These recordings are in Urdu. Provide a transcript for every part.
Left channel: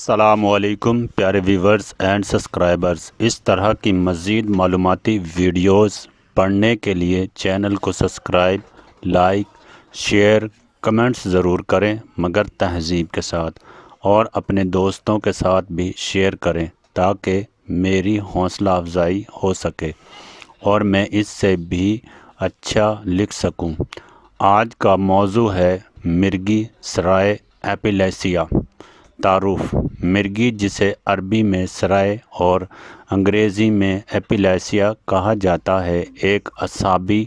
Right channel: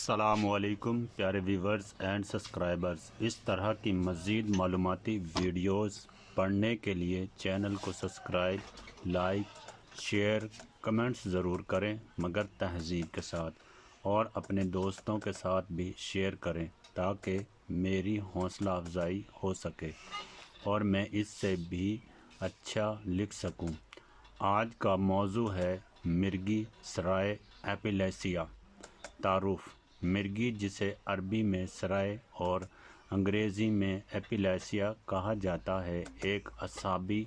السلام علیکم پیارے ویورز اینڈ سبسکرائبرز۔ اس طرح کی مزید معلوماتی ویڈیوز پڑھنے کے لیے چینل کو سبسکرائب، لائک، شیئر، کمنٹس ضرور کریں مگر تہذیب کے ساتھ، اور اپنے دوستوں کے ساتھ بھی شیئر کریں تاکہ میری حوصلہ افزائی ہو سکے اور میں اس سے بھی اچھا لکھ سکوں۔ آج کا موضوع ہے مرگی سرائے ایپیلیسیا۔ تعارف: مرگی، جسے عربی میں سرائے اور انگریزی میں ایپیلیسیا کہا جاتا ہے، ایک اعصابی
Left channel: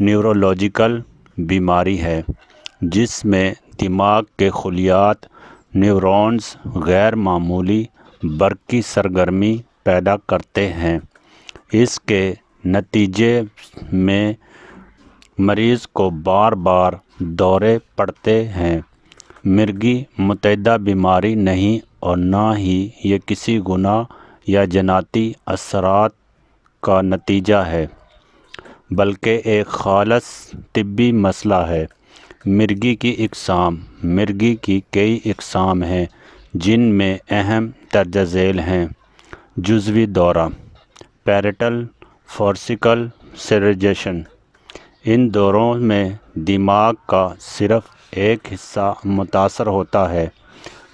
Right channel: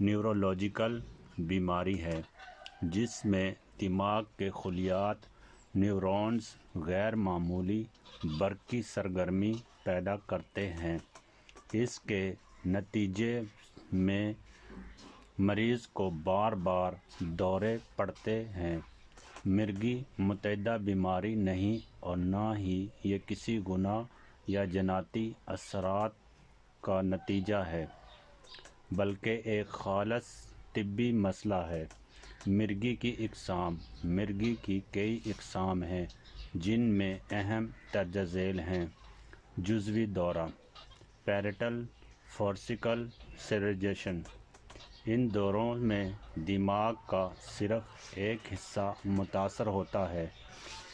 نیورولوجیکل بیماری ہے جس میں دماغ کے خلیات نیورونز غیر معمولی برقی سرگرمی پیدا کرتے ہیں۔ اس کے نتیجے میں مریض کو بار بار دورے پڑتے ہیں۔ مرگی متعدی بیماری نہیں اور نہ ہی یہ کسی گناہ یا جناتی اثرات کا نتیجہ ہے، بلکہ ایک خالص طبی مسئلہ ہے۔ مرگی کی اقسام: مرگی کی کئی اقسام ہیں جن میں اہم درج ذیل ہیں: جزوی دورہ، پیریٹل فورسیکل سیریزیشن۔ ان دوروں میں دماغ کا صرف ایک حصہ متاثر ہوتا ہے۔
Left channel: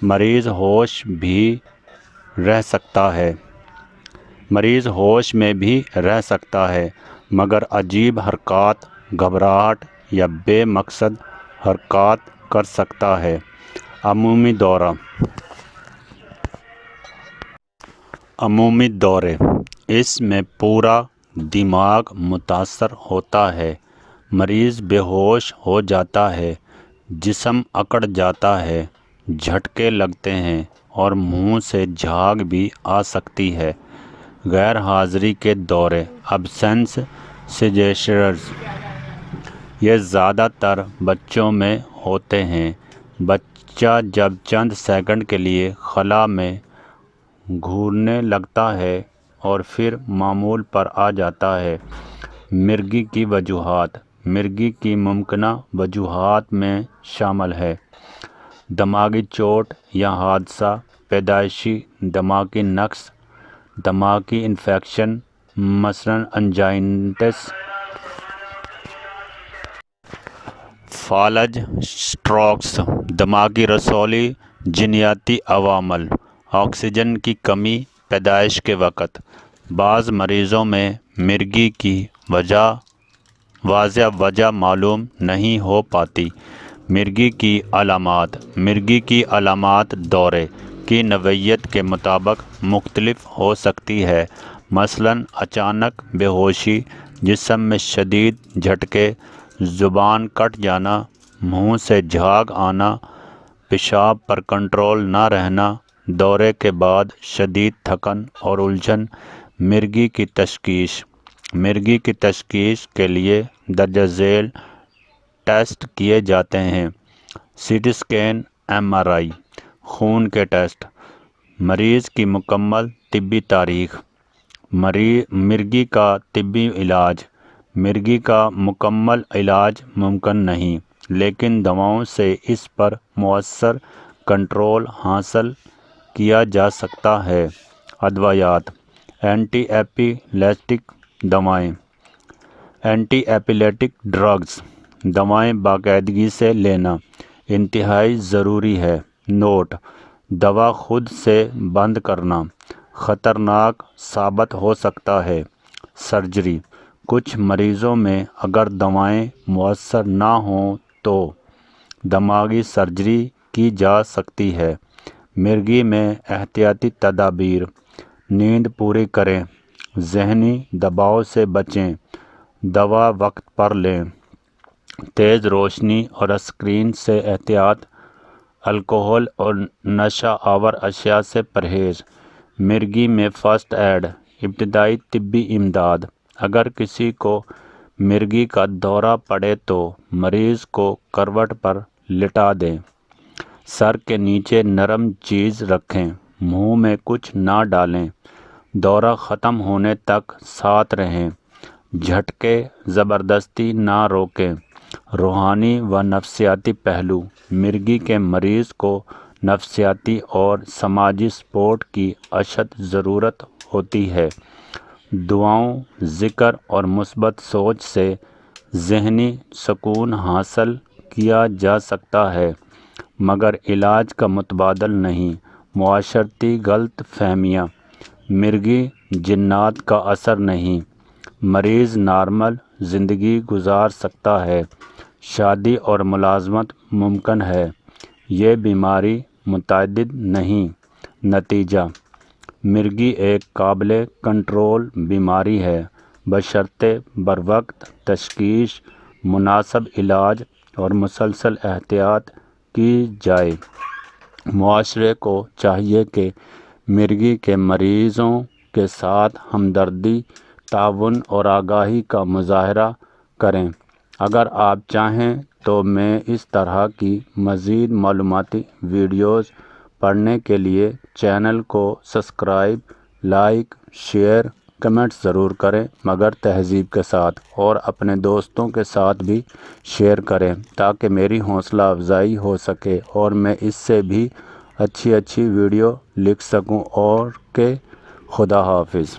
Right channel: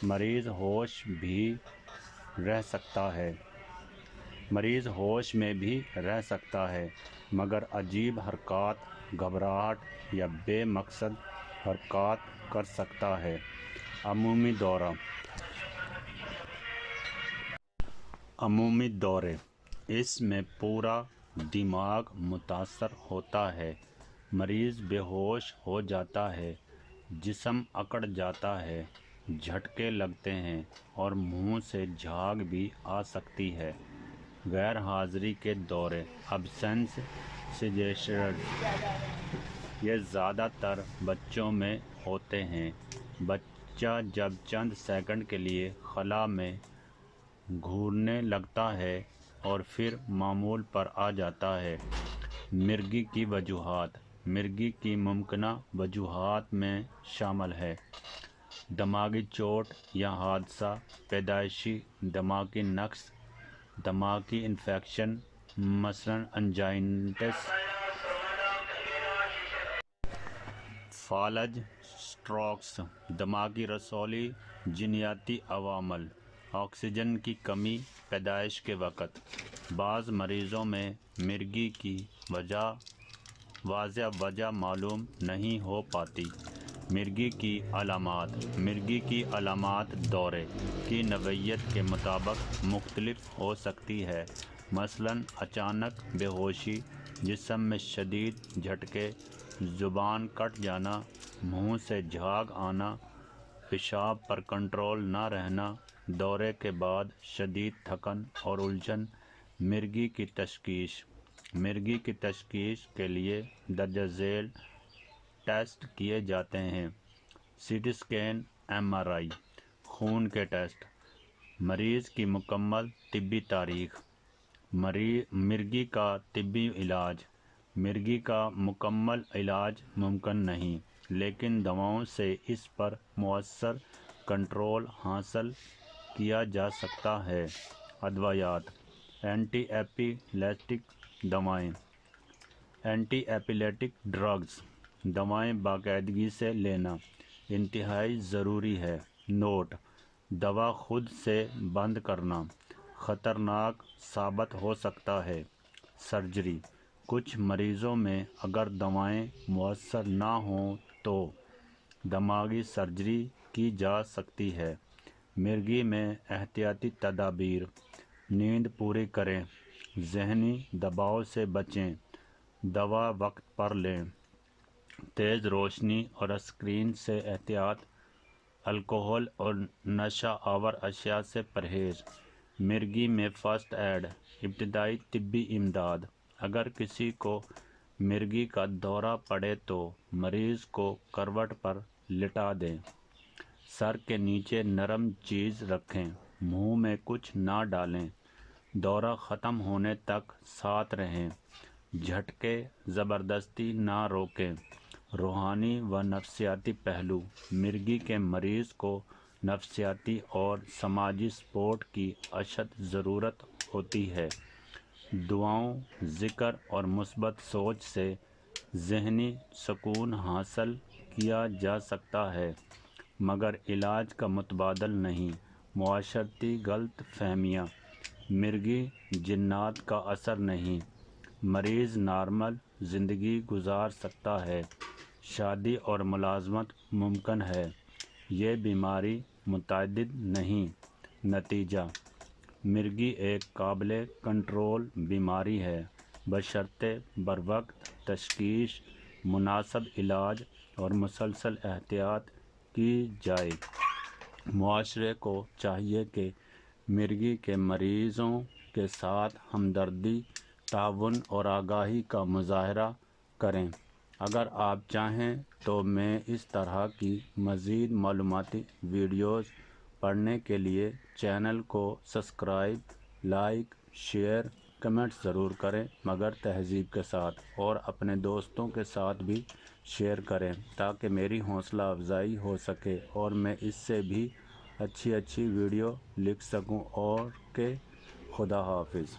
مریض ہوش میں بھی رہ سکتا ہے مگر عجیب حرکات، گھبراہٹ یا بے مقصد حرکات کر سکتا ہے۔ عمومی دورہ، عمومی دورے: اس میں پورا دماغ متاثر ہوتا ہے، مریض بے ہوش ہو جاتا ہے، جسم اکڑ جاتا ہے، جھٹکے لگتے ہیں اور منہ سے جھاگ بھی آ سکتی ہے۔ غیر حاضری کے دورے، ابسینس سیجرز، یہ زیادہ تر بچوں میں ہوتے ہیں۔ بچہ جب چند سیکنڈ کے لیے خلا میں گھورنے لگتا ہے اور پھر معمول پر آ جاتا ہے۔ مرگی کی وجوہات: مرگی کی ممکنہ وجوہات میں شامل ہیں: دماغی چوٹ یا حادثہ، پیدائشی دماغی نقص، دماغی انفیکشن مثلاً انجائٹس، فالج، سٹروکس، دماغی رسولی، جینیاتی عوامل، آکسیجن کی کمی پیدائش کے وقت۔ بعض مریضوں میں مرگی کی واضح وجہ معلوم نہیں ہو پاتی۔ مرگی کی علامات: مرگی کی علامات دورے کی نوعیت کے مطابق مختلف ہو سکتی ہیں، مثلاً اچانک بے ہوشی، جسم میں شدید جھٹکے، زبان کٹ جانا، منہ سے جھاگ آنا، پیشاب پر کنٹرول نہ رہنا۔ دورے کے بعد شدید تھکن اور الجھن۔ مرگی کی تشخیص: مرگی کی تشخیص کے لیے درج ذیل ٹیسٹ کیے جاتے ہیں: C T scan, M R I, خون کے ٹیسٹ۔ مریض کی مکمل طبی تاریخ۔ مرگی کا طبی علاج: مرگی کا مکمل علاج ممکن نہیں، لیکن دواؤں سے اس پر مؤثر کنٹرول حاصل کیا جا سکتا ہے۔ ادویات: اینٹی ایپیلیپٹک دوائیں، اینٹی ایپیلیپٹک ڈرگز۔ دوائیں باقاعدگی سے لینا انتہائی ضروری ہے۔ نوٹ: دوا خود سے بند کرنا خطرناک ثابت ہو سکتا ہے۔ سرجری: کچھ مریضوں میں اگر دوائیں مؤثر نہ ہوں تو دماغی سرجری کی جا سکتی ہے۔ مرگی میں احتیاطی تدابیر: نیند پوری کریں، ذہنی دباؤ سے بچیں، دوا وقت پر لیں، تیز روشنی اور اسکرین سے احتیاط، الکحل اور نشہ آور اشیاء سے پرہیز۔ مرگی میں فرسٹ ایڈ، ابتدائی طبی امداد: اگر کسی کو مرگی کا دورہ پڑے تو مریض کو کروٹ پر لٹا دیں، سر کے نیچے نرم چیز رکھیں، منہ میں کچھ نہ ڈالیں، دورہ ختم ہونے تک ساتھ رہیں، جھٹکے زبردستی نہ روکیں۔ روحانی و نفسیاتی پہلو: مرگی کے مریض کو نفسیاتی اور سماجی سپورٹ کی اشد ضرورت ہوتی ہے۔ دعاؤں، ذکر اور مثبت سوچ سے ذہنی سکون حاصل کیا جا سکتا ہے، مگر علاج کا متبادل نہیں۔ معاشرتی غلط فہمیاں: مرگی جنات کا اثر نہیں، مریض نارمل زندگی گزار سکتا ہے، شادی اور ملازمت ممکن ہے، یہ بیماری متعدد نہیں۔ نتیجہ: مرگی ایک قابل کنٹرول بیماری ہے، بشرطے بروقت تشخیص، مناسب علاج اور مسلسل احتیاط کی جائے۔ معاشرے کو چاہیے کہ مرگی کے مریضوں کے ساتھ ہمدردی، تعاون اور آگاہی کا مظاہرہ کریں۔ اگر آپ چاہیں تو میں اس طرح کی مزید معلوماتی ویڈیوز پڑھنے کے لیے چینل کو سبسکرائب، لائک، شیئر، کمنٹ ضرور کریں، مگر تہذیب کے ساتھ، اور اپنے دوستوں کے ساتھ بھی شیئر کریں تاکہ میری حوصلہ افزائی ہو سکے اور میں اس سے بھی اچھی ویڈیو لکھ سکوں۔ اور کہ خدا حافظ۔